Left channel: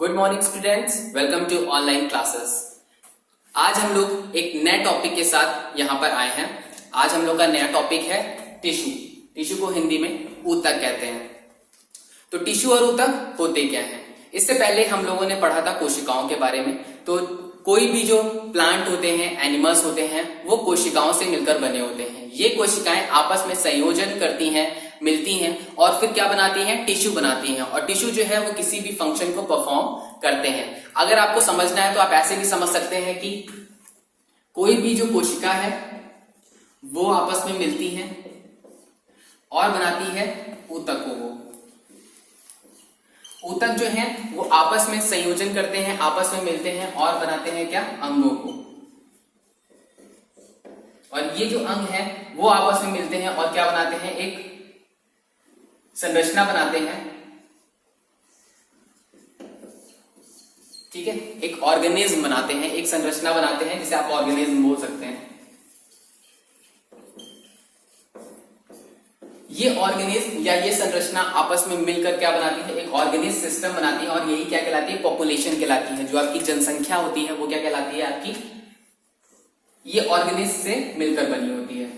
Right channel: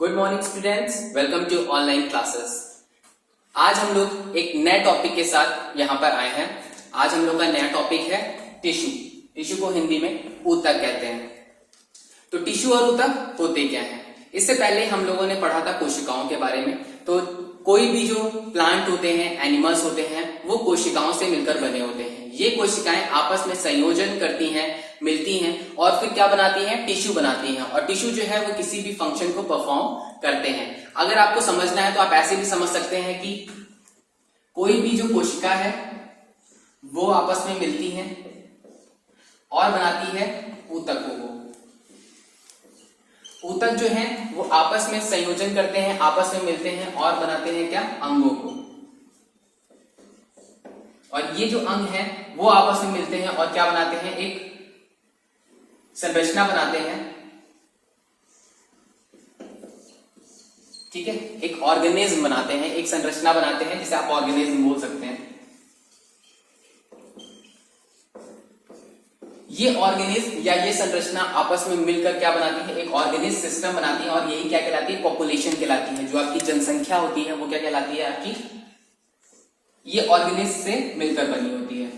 Good morning students, welcome to online classes. आज हम लोग एक नए टॉपिक के साथ यहाँ पर आए हैं। आज हम लोग का नया टॉपिक है टिश्यू। टिश्यू को हिंदी में ऊतक कहते हैं। तो टिश्यू और ऊतक होते क्या हैं? इससे पहले हम लोगों ने पढ़ा था कोशिकाओं के बारे में। तो कोई भी जो प्लांट होते हैं, एनिमल्स होते हैं, वो कोशिकाओं से मिलकर बने होते हैं। ये कोशिकाएं आपस में संयोजन करती हैं, मिलती हैं और फिर क्या बनाती हैं? टिश्यू बनाती हैं। और टिश्यू जो है वो किसी भी फंक्शन को परफॉर्म करते हैं। अगर आपको समझना है तो आप ऐसे भी समझ सकते हैं कि कोई भी जो कोशिका है वो आपस में मिलती हैं और बनाती है ऊतकों को। ऊतक जो है वो आपस में संयोजन करते हैं, आपस में मिलते हैं और बनाते हैं क्या? अंगों को। और ये जो अंग है वो आपस में मिलते हैं और क्या बनाते हैं? एक संरचना बनाते हैं। ठीक है, एक ऑर्गेनिज्म बनाते हैं, एक संरचना बनाते हैं, जिसे आप ऑर्गेनिज्म बोल सकते हैं। ये ऑर्गेनिज्म या ये संरचना आपस में मिलकर क्या बनाती है? एक ऑर्गेनिज्म सिस्टम बनाती है। और यही क्या कहलाती है? पॉपुलेशन कहलाती है। जो आपकी जनसंख्या होती है वो क्या कहलाती है? आपकी ये ऑर्गेनिज्म से मिलकर बनी होती है।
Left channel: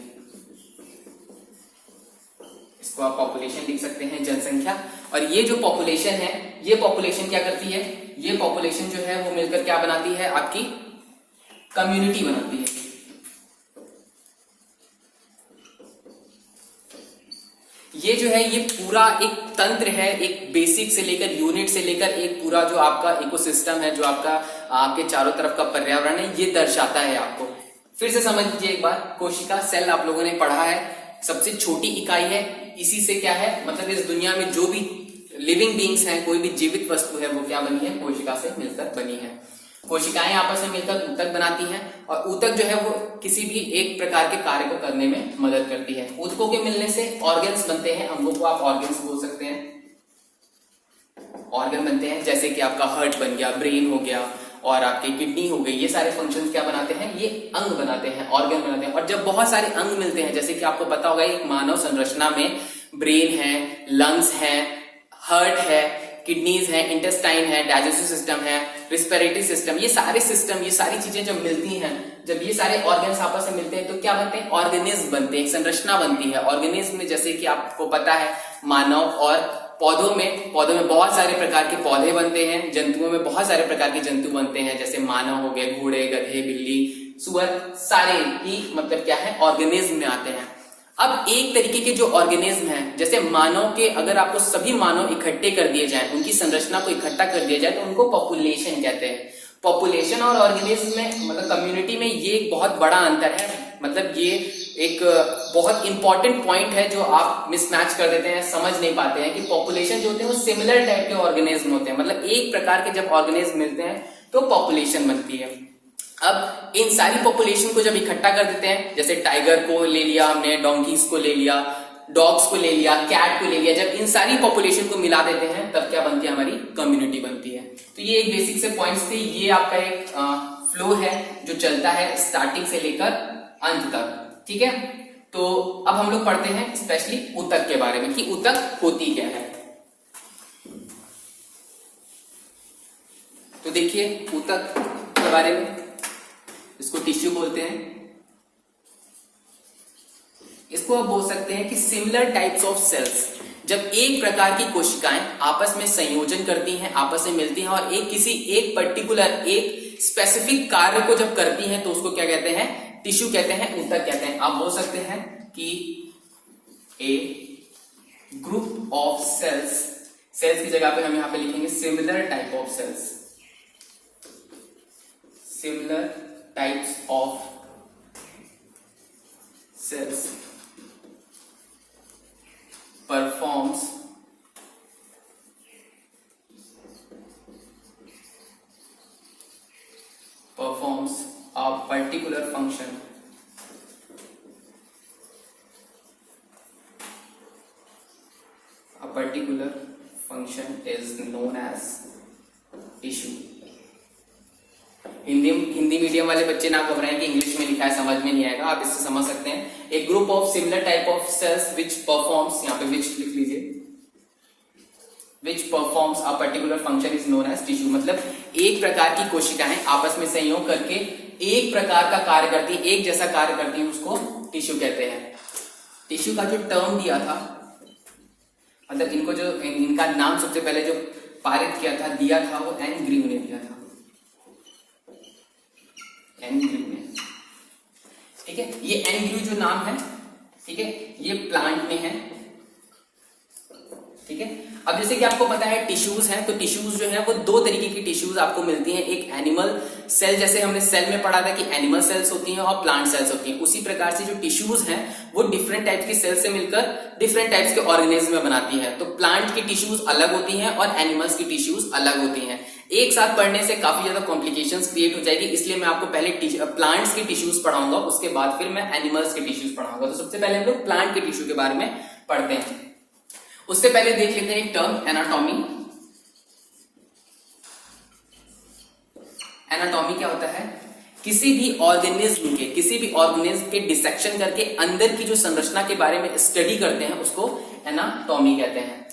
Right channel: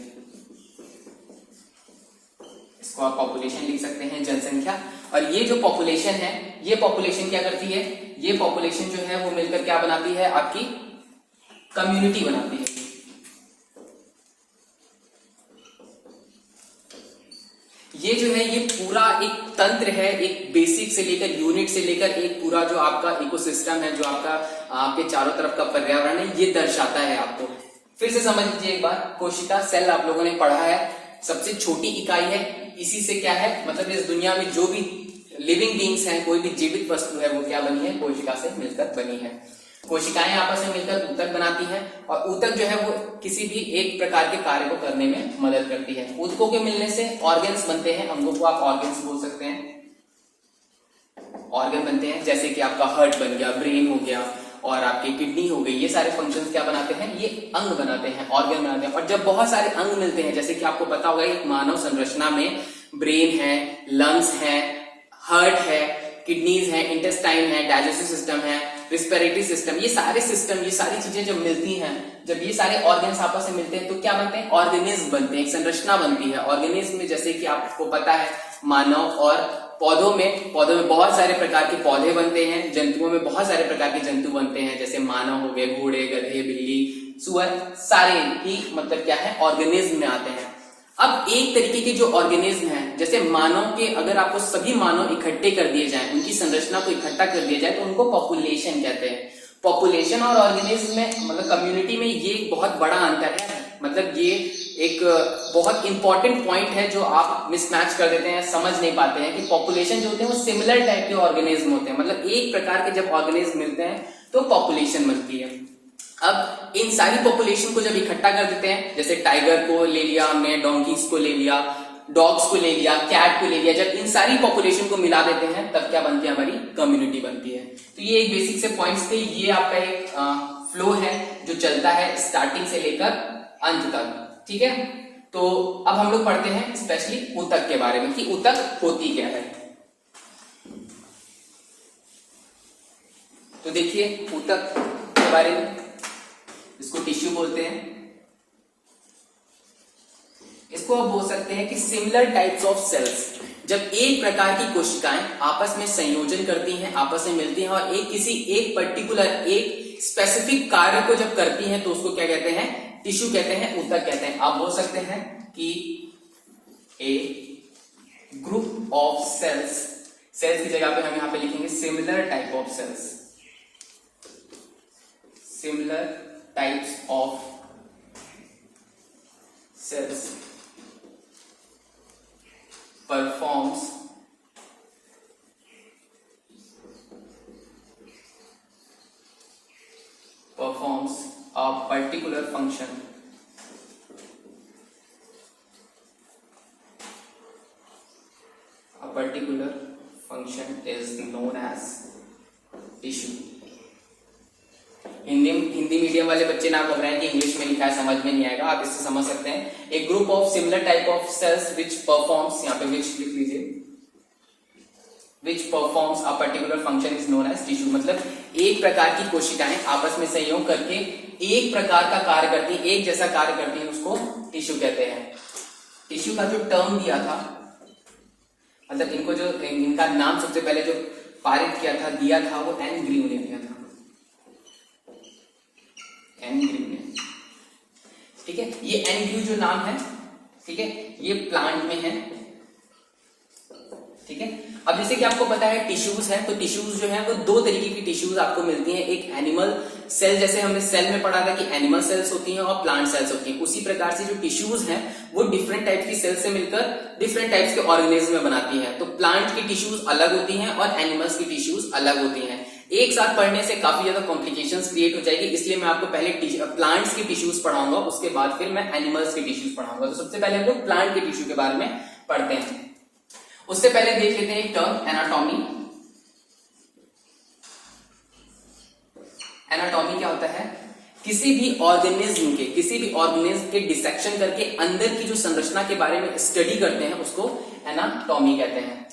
इसको आप पॉपुलेशन लिख सकते हैं, जनसंख्या। और ये जो पॉपुलेशन है, ये पॉपुलेशन क्या करती है? ये पॉपुलेशन जो है वो मिलकर क्या बनाती है? आपकी कम्युनिटी बनाती है। ये जो है ये पूरा एक तंत्र है, एक बेसिक से लेकर यूनिट से लेकर एक पूरा जो आपका इकोसिस्टम है, जो आपका आपके चारों तरफ का पर्यावरण है, ये दर्शाता है आपको। फिर से समझ लीजिए एक बार, कोशिका सेल आप लोगों ने पढ़ा है, सबसे छोटी इकाई है। इसी से क्या है, मतलब इस दुनिया में जो भी लिविंग बींग्स हैं, कोई भी जीवित वस्तु है, वो क्या बनी है? कोशिका से मिलकर बनी है। कोशिकाएं आपस में मिलकर ऊतक बनाती हैं और ऊतक जो है वो किसी भी एक प्रकार के कार्य को करने में मदद करती है। ऊतकों के मिलने से ऑर्गन्स बनते हैं, अंगों को आप ऑर्गन्स बोल सकते हैं। ऑर्गन बनते हैं, जैसे कि आपका हार्ट बन गया, ब्रेन हो गया और आपकी किडनी हो गई। ये सारे फंक्शंस क्या बनाते हैं? ये अंग बनाते हैं, ऑर्गन बनाते हैं। और जब बहुत सारे अंग मिलते हैं, जैसे कि आपको पता होगा एक मानव संरचना में ब्रेन है, लंग्स है, हार्ट है, किडनीज है, इंटेस्टाइन है, डाइजेस्टिव सिस्टम है, रिस्पिरेटरी सिस्टम, ये सारे सिस्टम, ये सारी चीजें जब मिलती हैं, जब ये सारे ऑर्गन्स आपस में मिलते हैं तो क्या बनते हैं? ऑर्गेनिज्म बनते हैं, एक संरचना बनती है। ऑर्गेनिज्म में जैसे कि आपको पता है मानव और पौधों में बहुत सारे प्रकार के पौधे बनते हैं। जंतुओं में बहुत सारे प्रकार के जंतु बनते हैं, जैसे मानव हो गए, घोड़े, गधे, बिल्ली, सुअर, सारे ही मतलब क्या है? ऑर्गेनिज्म में आते हैं। अब एक तरीके के जो ऑर्गेनिज्म हैं, जैसे मानव के, अगर आपको सभी मानव इकट्ठे कर दिए जाएं, उनकी संरचना को इकट्ठा कर दिया जाए तो उनको पॉपुलेशन कहते हैं। पॉपुलेशन और ऑर्गेनिज्म में मतलब कम्युनिटी में ये एक बहुत बड़ा अंतर है। मतलब ये एक बहुत इंपॉर्टेंट पॉइंट है जो आप मिसमैच कर देते हैं, समझ नहीं पाते हैं कि पॉपुलेशन जो होते हैं वो सिमिलर टाइप के ऑर्गेनिज्म होते हैं। मतलब एक प्रकार के जब ऑर्गेनिज्म मिलते हैं तो पॉपुलेशन बनती है। अब इन सारी पॉपुलेशन को जब इकट्ठा कर देते हैं, जैसे टाइगर को ले लिया हमने, डोंकीज को ले लिया, डॉग्स को ले लिया, कैट को ले लिया, जब इन सारी पॉपुलेशन को मिला देते हैं तब क्या बनती है? हमारी कम्युनिटी बनती है। तो ये एक बेसिक से पॉइंट्स थे। ये आपका एक फ्लो है जो चलता है स्टार्टिंग से लेकर अंत तक। ठीक है, तो अब हम लोग पढ़ते हैं स्पेशली ऊतक के बारे में कि ऊतक होती क्या है। तो देखिए ऊतक के बारे में, इसको टिश्यू बोलते हैं। इसको आप बोल सकते हैं कि सिमिलर टाइप्स ऑफ सेल्स। जब एक प्रकार की कोशिकाएं आपस में संयोजन करती हैं, आपस में मिलती हैं और किसी एक पर्टिकुलर, एक स्पेसिफिक कार्य को जब करती हैं तो उसको क्या कहते हैं? टिश्यू कहते हैं, ऊतक कहते हैं। आप बोल सकते हैं कि a group of cells, cells की जगह पे हम यहां पे लिखेंगे similar type of cells. Similar types of cells performs a particular function is known as tissue। Hindi medium वाले बच्चे ना घबराएं कि इंग्लिश में लिखा है समझ में नहीं आएगा, आप इससे समझ सकते हैं। एक group of similar type of cells which performs, यहाँ पे विच लिख लीजिए, which performs a particular function is known as tissue. मतलब एक प्रकार की कोशिकाएं आपस में संयोग करके एक प्रकार का कार्य करती है, एक जैसा कार्य करती है, उसको टिश्यू कहते हैं। टिश्यू का जो टर्म दिया था, मतलब इनको जो इनका नाम सबसे पहले जो पारित किया था, दिया था, वो एन ग्रीव ने दिया था, एन ग्रीव ने। ठीक है, ये एन ग्रीव जो नाम है, ठीक है, ये प्लांट में है। ठीक है, अब जैसे कि आपको पता है टिश्यूज हैं, तो टिश्यूज जो हैं वो दो तरीके की टिश्यूज आपको मिलती हैं। एक एनिमल सेल, जैसे हमने सेल में पढ़ा था कि एनिमल सेल्स होती हैं और प्लांट सेल्स होती हैं, उसी प्रकार से जो टिश्यूज हैं वो डिफरेंट टाइप की सेल से मिलकर डिफरेंट टाइप्स के ऑर्गेनिज्म में बनाती है। तो प्लांट की टिश्यूज अलग होती हैं और एनिमल्स की टिश्यूज अलग होती हैं। एक साथ पढ़ने से काफी ज्यादा कॉम्प्लिकेशंस क्रिएट हो जाएगी, इसलिए मैं आपको पहले प्लांट्स की टिश्यूज पढ़ाऊंगा, उसके बाद फिर मैं एनिमल्स की टिश्यूज पढ़ाऊंगा। तो सबसे पहले हम लोग प्लांट के टिश्यू के बारे में पढ़ते हैं। उससे पहले देख लेते हैं एक टर्म एनाटॉमी। एनाटॉमी क्या होता है? किसी भी ऑर्गेनिज्म के डिसेक्शन करके अंदर की जो संरचना के बारे में स्टडी करते हैं, उसको एनाटॉमी कहते हैं।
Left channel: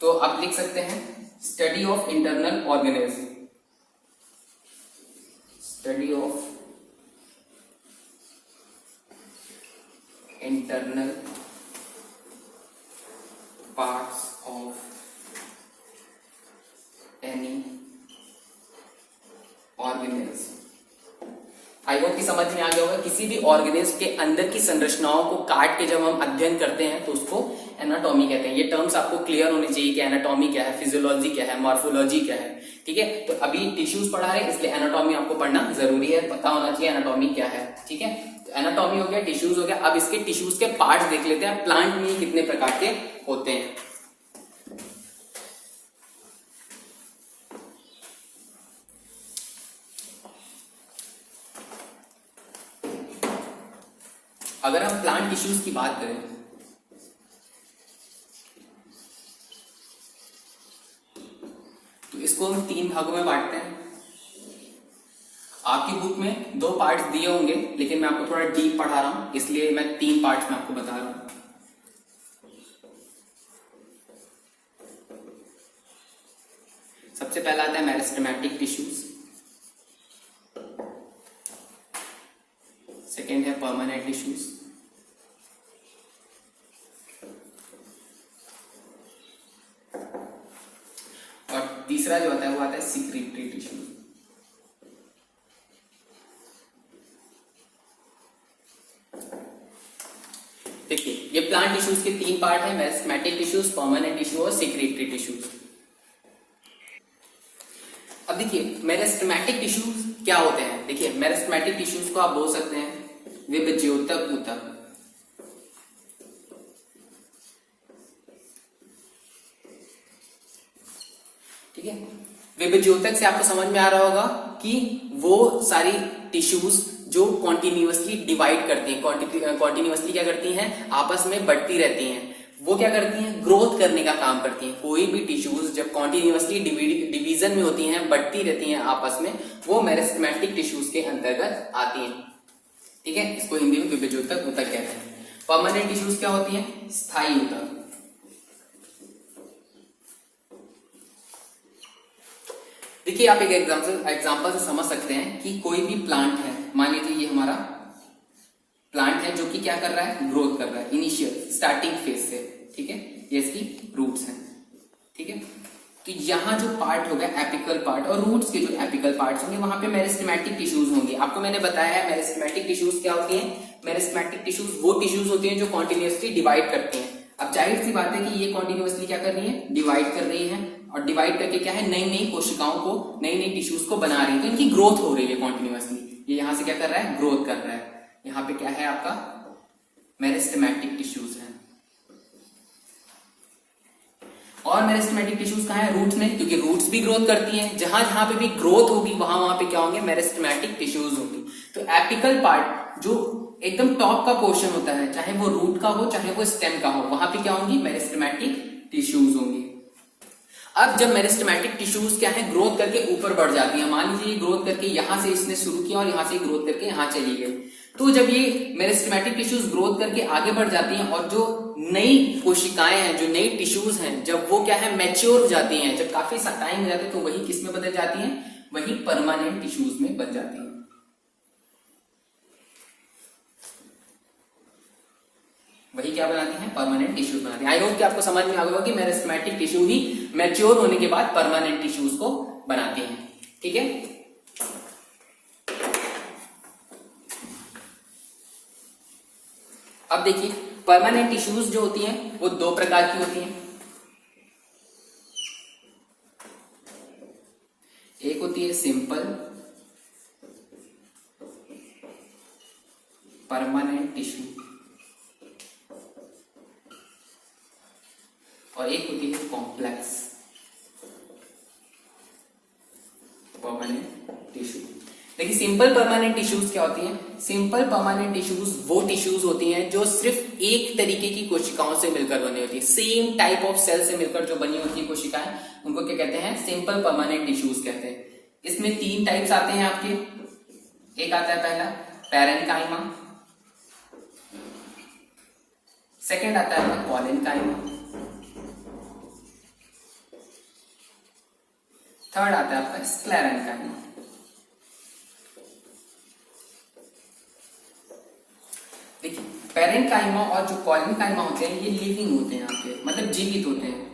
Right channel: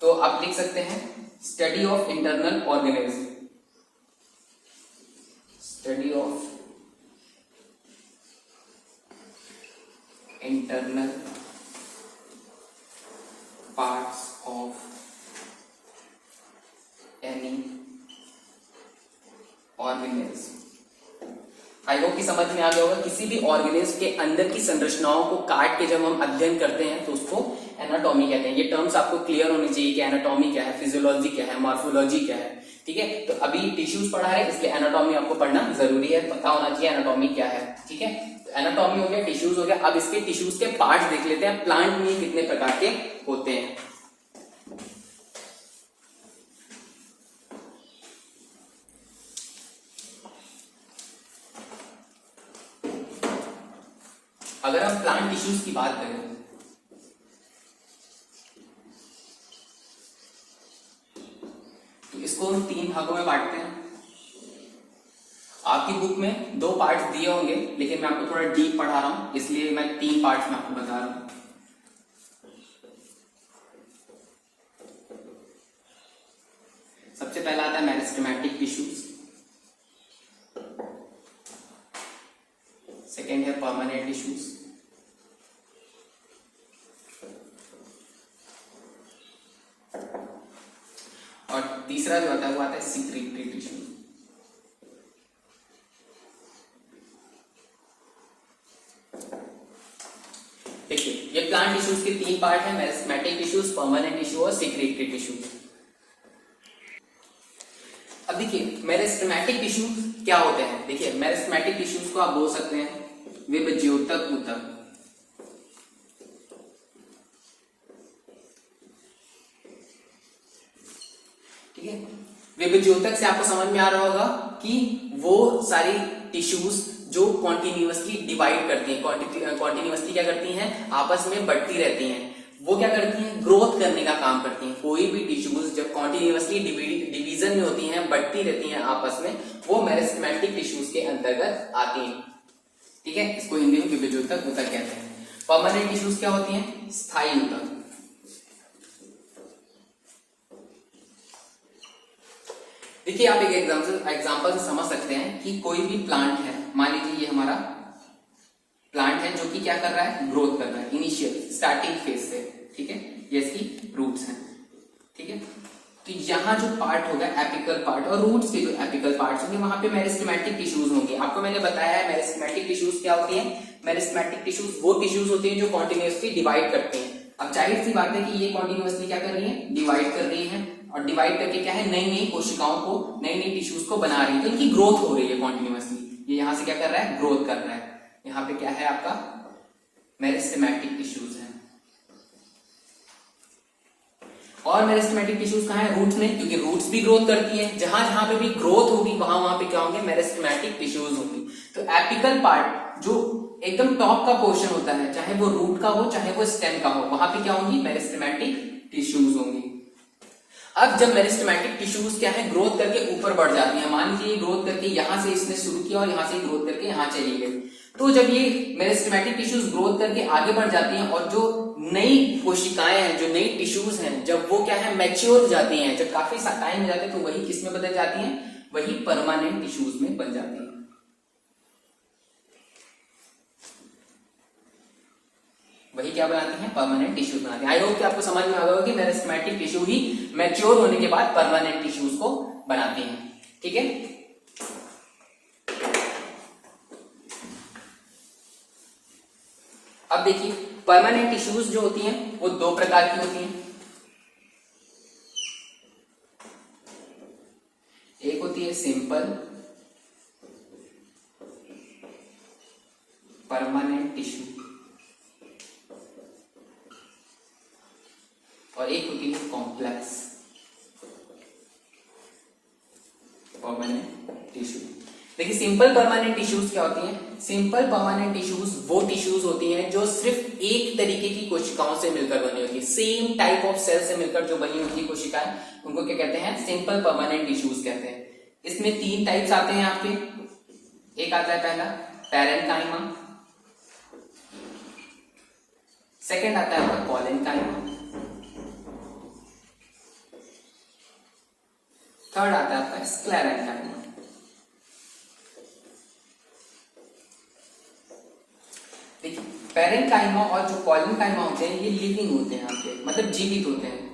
तो आप लिख सकते हैं study of internal organism, study of internal parts of any organism। I hope कि समझ में आ गया होगा। किसी भी ऑर्गेनिज्म के अंदर की संरचनाओं को काट के जब हम अध्ययन करते हैं तो उसको एनाटॉमी कहते हैं। ये टर्म्स आपको क्लियर होने चाहिए कि एनाटॉमी क्या है, फिजियोलॉजी क्या है, मॉर्फोलॉजी क्या है। ठीक है, तो अभी टिश्यूज पढ़ा रहे हैं, इसलिए एनाटॉमी आपको पढ़ना जरूरी है, पता होना चाहिए एनाटॉमी क्या है। ठीक है, तो एनाटॉमी हो गया, टिश्यूज हो गया। अब इसके टिश्यूज के पार्ट्स देख लेते हैं, प्लांट में कितने प्रकार के होते हैं। अगर हम प्लांट टिश्यूज की बात करें तो इसको हम 3 भागों में बांटते हैं। आपकी बुक में 2 पार्ट्स दिए होंगे, लेकिन मैं आपको थोड़ा डीप पढ़ा रहा हूं, इसलिए मैं 3 पार्ट्स में आपको बता रहा हूं। सबसे पहला आता है मेरिस्टेमेटिक टिश्यूज, सेकेंड है परमानेंट टिश्यूज, और तीसरा जो आता है वो आता है सिक्रीटरी टिश्यूज। देखिए, ये प्लांट टिश्यूज के 3 पार्ट है, मेरिस्टेमेटिक टिश्यूज, परमानेंट टिश्यू और सिक्रीटरी टिश्यूज। अब देखिए मेरिस्टेमेटिक टिश्यूज क्या होते हैं। देखिए मेरिस्टेमेटिक टिश्यूज को आप बोल सकते हैं विभज्योतक ऊतक। ठीक है, विभज्योतक से आपको समझ में आ रहा होगा कि वो सारी टिश्यूज जो कॉन्टिन्यूअसली डिवाइड करती हैं, कॉन्टिन्यूअसली क्या करती हैं, आपस में बढ़ती रहती हैं। वो क्या करती हैं, ग्रोथ करने का काम करती हैं। कोई भी टिश्यूज जब कॉन्टिन्यूअसली डिवीजन में होती हैं, बढ़ती रहती हैं आपस में, वो मेरिस्टेमेटिक टिश्यूज के अंतर्गत आती हैं। ठीक है, इसको हिंदी में विभज्योतक ऊतक कहते हैं। परमानेंट टिश्यूज क्या होती हैं, स्थायी ऊतक। देखिए आप एक एग्जांपल से समझ सकते हैं कि कोई भी प्लांट है, मान लीजिए ये हमारा प्लांट है जो कि क्या कर रहा है, ग्रोथ कर रहा है इनिशियल स्टार्टिंग फेज से। ठीक है, ये इसकी रूट्स हैं। ठीक है, तो यहां जो पार्ट होगा एपिकल पार्ट, और रूट्स के जो एपिकल पार्ट्स होंगे वहां पे मेरिस्टेमेटिक टिश्यूज होंगे। आपको मैंने बताया है मेरिस्टेमेटिक टिश्यूज क्या होती हैं। मेरिस्टेमेटिक टिश्यूज वो टिश्यूज होती हैं जो कॉन्टिन्यूअसली डिवाइड करते हैं। अब जाहिर सी बात है कि ये कॉन्टिन्यूअसली क्या कर रही है, डिवाइड कर रही है, और डिवाइड करके क्या है, नई नई कोशिकाओं को, नई नई टिश्यूज को बना रही है। तो इनकी ग्रोथ हो रही है कॉन्टिन्यूअसली। ये यहां से क्या कर रहा है, ग्रोथ कर रहा है। यहाँ पे क्या है आपका मेरिस्टेमेटिक टिश्यूज है। और मेरिस्टेमेटिक टिश्यूज कहाँ है, रूट्स में, क्योंकि रूट्स भी ग्रोथ करती हैं। जहां जहां पे भी ग्रोथ होगी वहां पे क्या होंगे, मेरिस्टेमेटिक टिश्यूज होंगे। तो एपिकल पार्ट जो एकदम टॉप का पोर्शन होता है, चाहे वो रूट का हो चाहे वो स्टेम का हो, वहां पे क्या होंगी, मेरिस्टेमेटिक टिश्यूज होंगी। अब जब मेरिस्टेमेटिक टिश्यूज क्या है, ग्रोथ करके ऊपर बढ़ जाती है। मान लीजिए ग्रोथ करके यहां से इसने शुरू किया और यहां से ग्रोथ करके यहां चली गई, तो जब ये मेरिस्टेमेटिक टिश्यूज ग्रोथ करके आगे बढ़ जाती हैं और जो नई कोशिकाएं हैं, जो नई टिश्यूज हैं, जब वो क्या है मैच्योर हो जाती हैं, जब काफी टाइम हो जाता है, तो वही किसमें बदल जाती हैं, वही परमानेंट टिश्यूज में बन जाती हैं। वही क्या बनाती हैं, परमानेंट टिश्यूज बनाती हैं। आई होप कि आपको समझ में आ गया कि मेरिस्टेमेटिक टिश्यू ही मैच्योर होने के बाद परमानेंट टिश्यूज को बनाती हैं। ठीक है, अब देखिए परमानेंट टिश्यूज जो होती हैं वो दो प्रकार की होती हैं। एक होती है सिंपल परमानेंट टिश्यू और एक होती है कॉम्प्लेक्स परमानेंट टिश्यू। देखिए सिंपल परमानेंट टिश्यूज क्या होती हैं? सिंपल परमानेंट टिश्यूज वो टिश्यूज होती हैं जो सिर्फ एक तरीके की कोशिकाओं से मिलकर बनी होती है, सेम टाइप ऑफ सेल से मिलकर जो बनी होती है कोशिकाएं, उनको क्या कहते हैं, सिंपल परमानेंट टिश्यूज कहते हैं। इसमें तीन टाइप्स आते हैं आपके। एक आता है पहला पैरेन्काइमा, सेकेंड आता है आपका कॉलेनकाइमा, थर्ड आता है आपका स्क्लेरेन्काइमा। देखिए पैरेन्काइमा और जो कॉलेनकाइमा होते हैं ये लिविंग होते हैं आपके, मतलब जीवित होते हैं,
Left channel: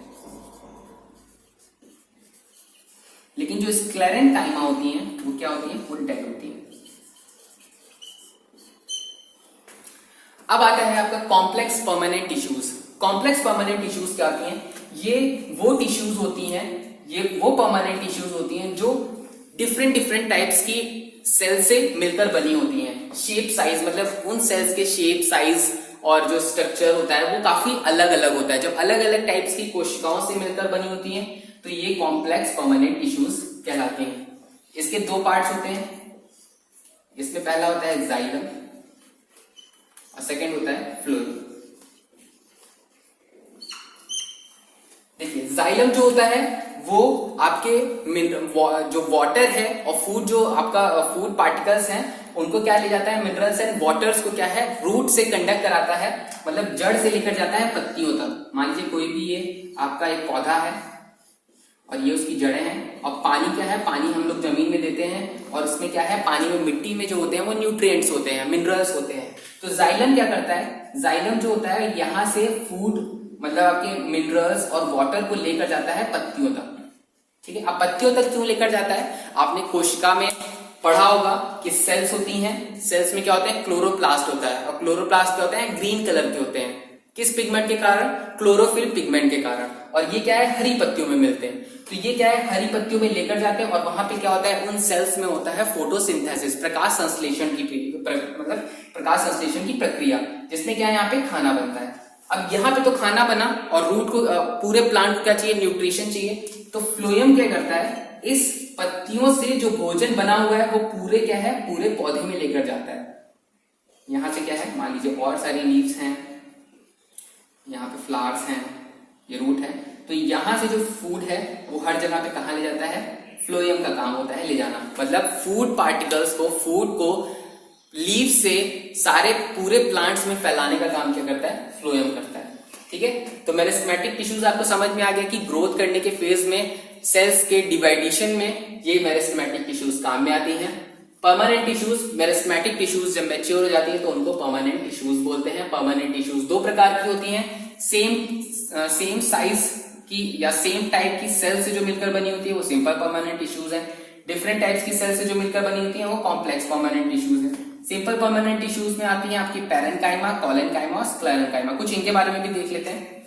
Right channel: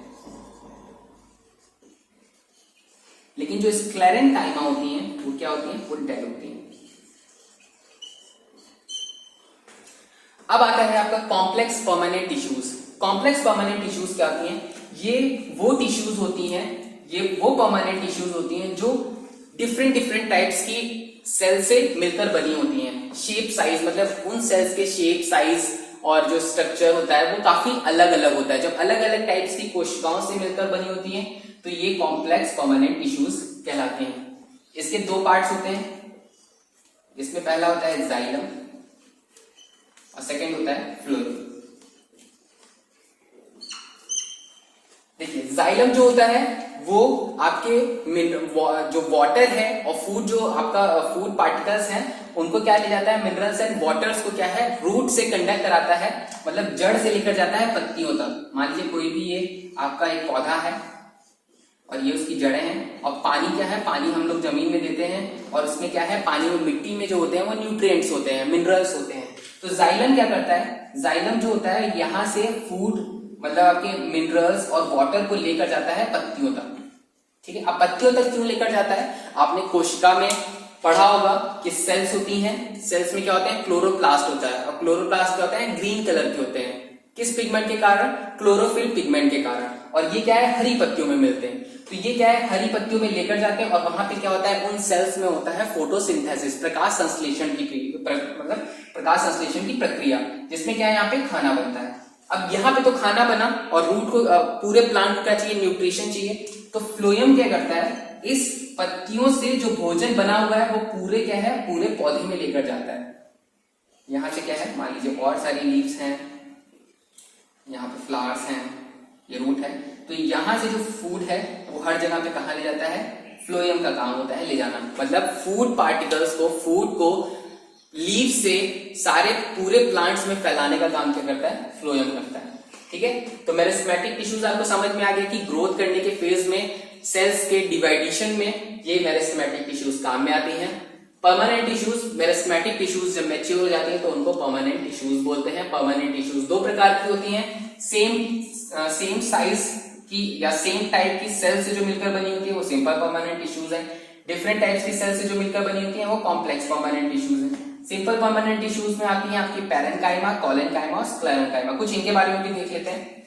लेकिन जो स्क्लेरेन्काइमा होती हैं वो क्या होती हैं, वो डेड होती हैं। अब आता है आपका complex permanent tissues. Complex permanent tissues क्या होती हैं? ये वो टिश्यूज होती हैं, ये वो परमानेंट टिश्यूज होती हैं जो डिफरेंट डिफरेंट टाइप्स की सेल से मिलकर बनी होती हैं। शेप साइज, मतलब उन सेल्स के शेप साइज और जो स्ट्रक्चर होता है वो काफी अलग अलग होता है। जब अलग अलग टाइप्स की कोशिकाओं से मिलकर बनी होती हैं तो ये कॉम्प्लेक्स परमानेंट टिश्यूज कहलाते हैं। इसके दो पार्ट्स होते हैं। इसमें पहला होता है जाइलम और सेकेंड होता है फ्लोएम। देखिए जाइलम जो होता है वो आपके जो वाटर है और फूड, जो आपका फूड पार्टिकल्स हैं, उनको क्या ले जाता है, मिनरल्स एंड वाटर्स को क्या है, रूट से कंडक्ट कराता है, मतलब जड़ से लेकर जाता है पत्तियों तक। मान लीजिए कोई भी ये आपका एक पौधा है और ये उसकी जड़ें हैं, और पानी क्या है, पानी हम लोग जमीन में देते हैं और उसमें क्या है, पानी में मिट्टी में जो होते हैं वो न्यूट्रिएंट्स होते हैं, मिनरल्स होते हैं। तो जाइलम क्या करता है, जाइलम जो होता है यहाँ से फूड, मतलब आपके मिनरल्स और वाटर को लेकर जाता है पत्तियों तक। ठीक है, अब पत्तियों तक क्यों लेकर जाता है? आपने कोशिका में पढ़ा होगा कि सेल्स होती हैं, सेल्स में क्या होते हैं, क्लोरोप्लास्ट होता है, और क्लोरोप्लास्ट क्या होते हैं, ग्रीन कलर के होते हैं। किस पिगमेंट के कारण? क्लोरोफिल पिगमेंट के कारण। और ये क्या है, हरी पत्तियों में मिलते हैं। तो ये क्या है, हरी पत्तियों में लेकर जाते हैं और वहां पे क्या होता है, उन सेल्स में होता है फोटोसिंथेसिस, प्रकाश संश्लेषण की मतलब प्रकाश संश्लेषण की प्रक्रिया, जिसमें क्या है, यहाँ पे खाना बनता है। अब यहाँ पे तो खाना बना और रूट को, पूरे प्लांट को क्या चाहिए, न्यूट्रिशन चाहिए। तो फ्लोएम क्या करता है, इस पत्तियों से जो भोजन बना हुआ है वो पूरे क्या है, पूरे पौधे में लेकर जाता है। यहां से क्या है, मान लीजिए और सारी लीव्स हैं, यहाँ पे फ्लावर्स हैं, ये रूट है, तो यहां से जो फूड है वो हर जगह पे कहाँ ले जाता है, फ्लोएम का काम होता है ले जाना। मतलब फूड पार्टिकल्स को, फूड को लीव से सारे पूरे प्लांट्स में फैलाने का काम क्या करता है, फ्लोएम करता है। ठीक है, तो मेरिस्टेमेटिक टिश्यूज आपको समझ में आ गया कि ग्रोथ करने के फेज में, सेल्स के डिवाइडेशन में ये मेरिस्टेमेटिक टिश्यूज काम में आती हैं। परमानेंट टिश्यूज, मेरिस्टेमेटिक टिश्यूज जब मैच्योर हो जाती हैं तो उनको परमानेंट टिश्यूज बोलते हैं। परमानेंट टिश्यूज दो प्रकार की होती हैं, सेम साइज की या सेम टाइप की सेल से जो मिलकर बनी होती है वो सिंपल परमानेंट टिश्यूज है। डिफरेंट टाइप्स की सेल से जो मिलकर बनी होती है वो कॉम्प्लेक्स परमानेंट टिश्यूज है। सिंपल परमानेंट टिश्यूज में आती है आपकी पैरेन्काइमा, कॉलेनकाइमा और स्क्लेरेन्काइमा। कुछ इनके बारे में भी देख लेते हैं।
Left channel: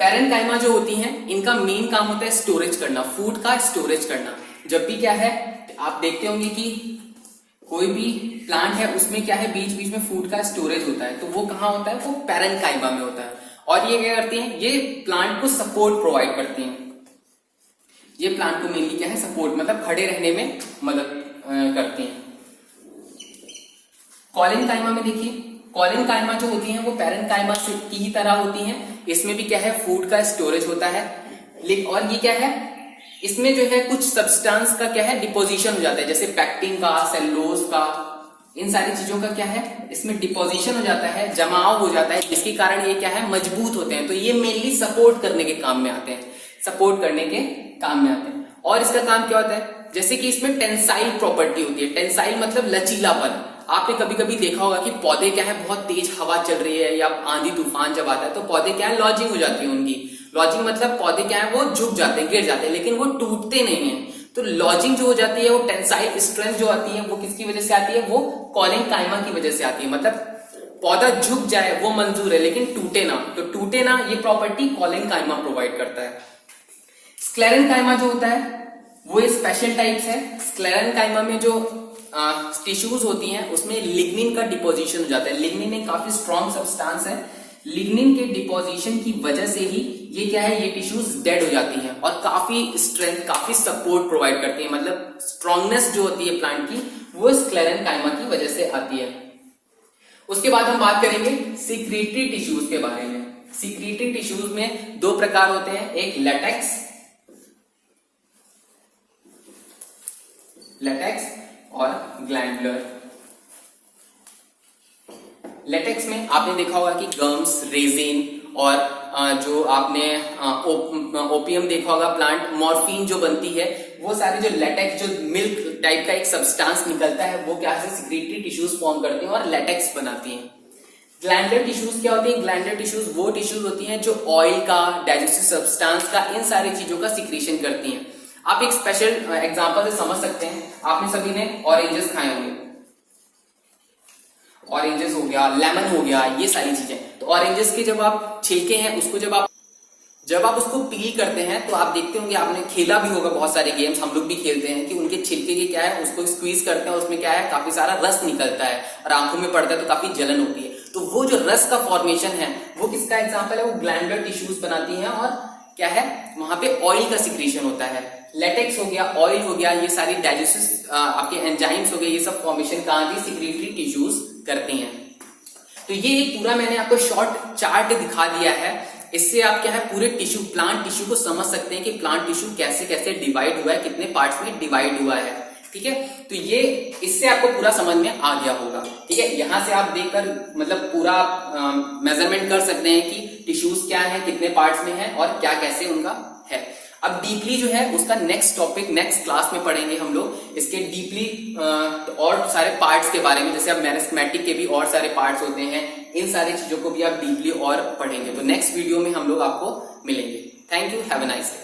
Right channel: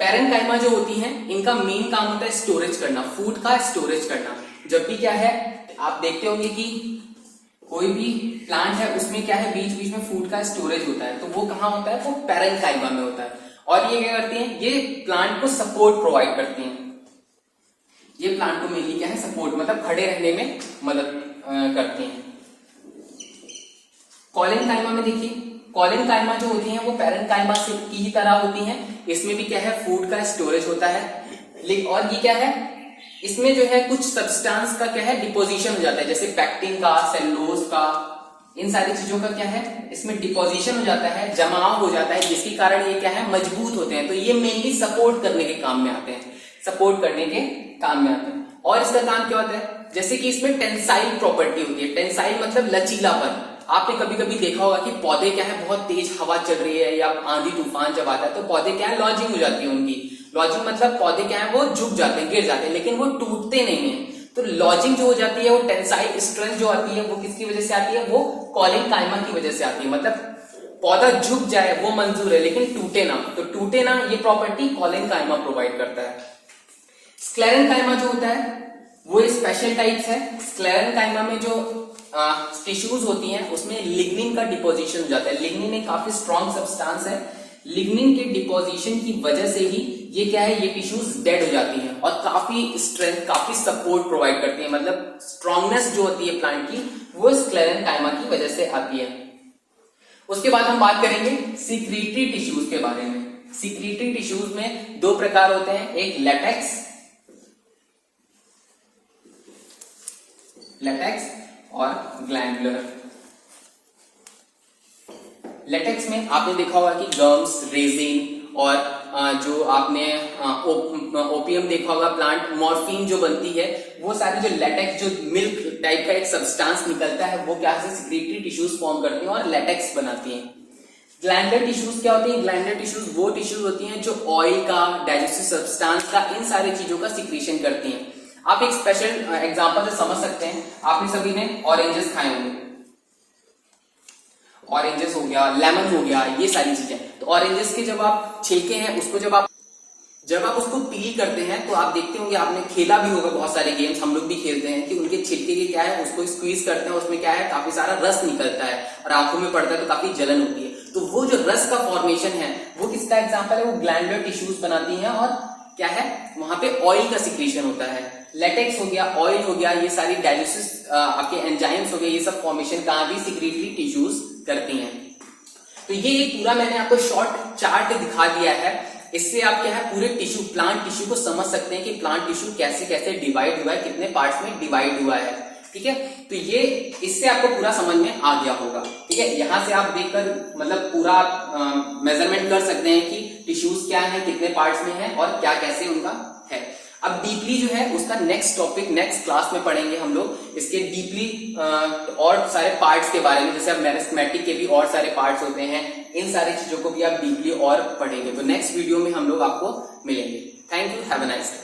पैरेन्काइमा जो होती हैं, इनका मेन काम होता है स्टोरेज करना, फूड का स्टोरेज करना। जब भी क्या है, आप देखते होंगे कि कोई भी प्लांट है उसमें क्या है, बीच बीच में फूड का स्टोरेज होता है, तो वो कहाँ होता है, वो पैरेन्काइमा में होता है। और ये क्या करती हैं, ये प्लांट को सपोर्ट प्रोवाइड करती हैं। ये प्लांट को मेनली क्या है, सपोर्ट, मतलब खड़े रहने में मदद करती हैं। कॉलेनकाइमा में देखिए, कॉलेनकाइमा जो होती हैं वो पैरेन्काइमा की ही तरह होती हैं। इसमें भी क्या है, फूड का स्टोरेज होता है। और ये क्या है, इसमें जो है कुछ सब्सटेंस का क्या है, डिपोजिशन हो जाता है, जैसे पैक्टिन का, सेलुलोज का, इन सारी चीजों का क्या है, इसमें डिपोजिशन हो जाता है, जमाव हो जाता है, जिसके कारण ये क्या है, मजबूत होते हैं। तो ये मेनली सपोर्ट करने के काम में आते हैं, सपोर्ट करने के काम में आते हैं। और इसका काम क्या होता है, जैसे कि इसमें टेंसाइल प्रॉपर्टी होती है। टेंसाइल मतलब लचीलापन। आपने कभी कभी देखा होगा कि पौधे क्या है, बहुत तेज हवा चल रही है या आंधी तूफान जब आता है तो पौधे क्या है, लॉजिंग हो जाती है उनकी। लॉजिंग मतलब पौधे क्या है, वो झुक जाते हैं, गिर जाते हैं, लेकिन वो टूटते नहीं है। तो लॉजिंग जो हो जाती है, वो टेंसाइल स्ट्रेंथ जो आती है, वो किसकी वजह से आती है, वो कॉलेनकाइमा की वजह से आती है। मतलब पौधा झुक जाए वो मंजूर है, लेकिन टूटे ना, तो टूटे ना, ये प्रॉपर्टी कॉलेनकाइमा प्रोवाइड करता है। स्क्लेरेनकाइमा जो होता है वो स्पेशल टाइप्स है। स्क्लेरेनकाइमा में जो टिश्यूज होती हैं उसमें लिग्निन का डिपोजिशन हो जाता है। लिग्निन एक काफी स्ट्रॉन्ग सब्सटेंस है। लिग्निन के डिपोजिशन की वजह से ही ये क्या है, ये टिश्यूज डेड हो जाती हैं और काफी स्ट्रेंथ, काफी सपोर्ट प्रोवाइड करती है। मतलब स्ट्रॉन्गनेस जो होती है प्लांट की, वो स्क्लेरेनकाइमा की वजह से आती है। उसके बाद हम बात करेंगे सिक्रीटरी टिश्यूज के बारे में। सिक्रीटरी टिश्यूज में दो प्रकार होते हैं, एक लेटेक्स और ग्लैंडुलर। लेटेक्स में आपने देखा होगा कि गम्स, रेजिन और जो आपने ओपियम देखा होगा, प्लांट मॉर्फिन जो बनती है, वो सारे जो लेटेक्स, जो मिल्क टाइप का एक सब्सटेंस निकलता है, वो क्या है, सिक्रीटरी टिश्यूज फॉर्म करती हैं और लेटेक्स बनाती हैं। ग्लैंडुलर टिश्यूज क्या होती हैं, ग्लैंडुलर टिश्यूज वो टिश्यूज होती हैं जो ऑयल का, डाइजेस्टिव सब्सटेंस का, इन सारी चीजों का सिक्रीशन करती हैं। आप एक स्पेशल एग्जांपल से समझ सकते हैं। आपने सभी ने ऑरेंजेस खाए होंगे, ऑरेंजेस हो गया, लेमन हो गया, ये सारी चीजें। तो ऑरेंजेस के जब आप छिलके हैं उसको जब आप उसको पील करते हैं तो आप देखते होंगे, आपने खेला भी होगा, बहुत सारे गेम्स हम लोग भी खेलते हैं कि उनके छिलके के क्या है, उसको स्क्वीज करते हैं, उसमें क्या है, काफी सारा रस निकलता है और आंखों में पड़ता है तो काफी जलन होती है। तो वो जो रस का फॉर्मेशन है वो किसका एग्जाम्पल है, वो ग्लैंडुलर टिश्यूज बनाती है और क्या है, वहां पे ऑयल का सिक्रीशन होता है। लेटेक्स हो गया, ऑयल हो गया, ये सारी डाइजेस्टिव आपके एंजाइम्स हो गए, ये सब फॉर्मेशन कहां की, सिक्रीटरी टिश्यूज करती हैं। तो ये पूरा मैंने आपको शॉर्ट चार्ट दिखा दिया है। इससे आप क्या है, पूरे टिश्यू, प्लांट टिश्यू को समझ सकते हैं कि प्लांट टिश्यू कैसे कैसे डिवाइड हुआ है, कितने पार्ट्स में डिवाइड हुआ है। ठीक है, तो ये इससे आपको पूरा समझ में आ गया होगा। ठीक है, यहां से आप देखकर मतलब पूरा मेजरमेंट कर सकते हैं कि टिश्यूज क्या है, कितने पार्ट्स में है और क्या कैसे उनका है। अब डीपली जो है उसका नेक्स्ट टॉपिक नेक्स्ट क्लास में पढ़ेंगे हम लोग, इसके डीपली और सारे पार्ट्स के बारे में। जैसे अब मेरिस्टेमेटिक के भी और सारे पार्ट्स होते हैं, इन सारी चीजों को भी आप डीपली और पढ़ेंगे। तो नेक्स्ट वीडियो में हम लोग आपको मिलेंगे। Thank you, have a nice day.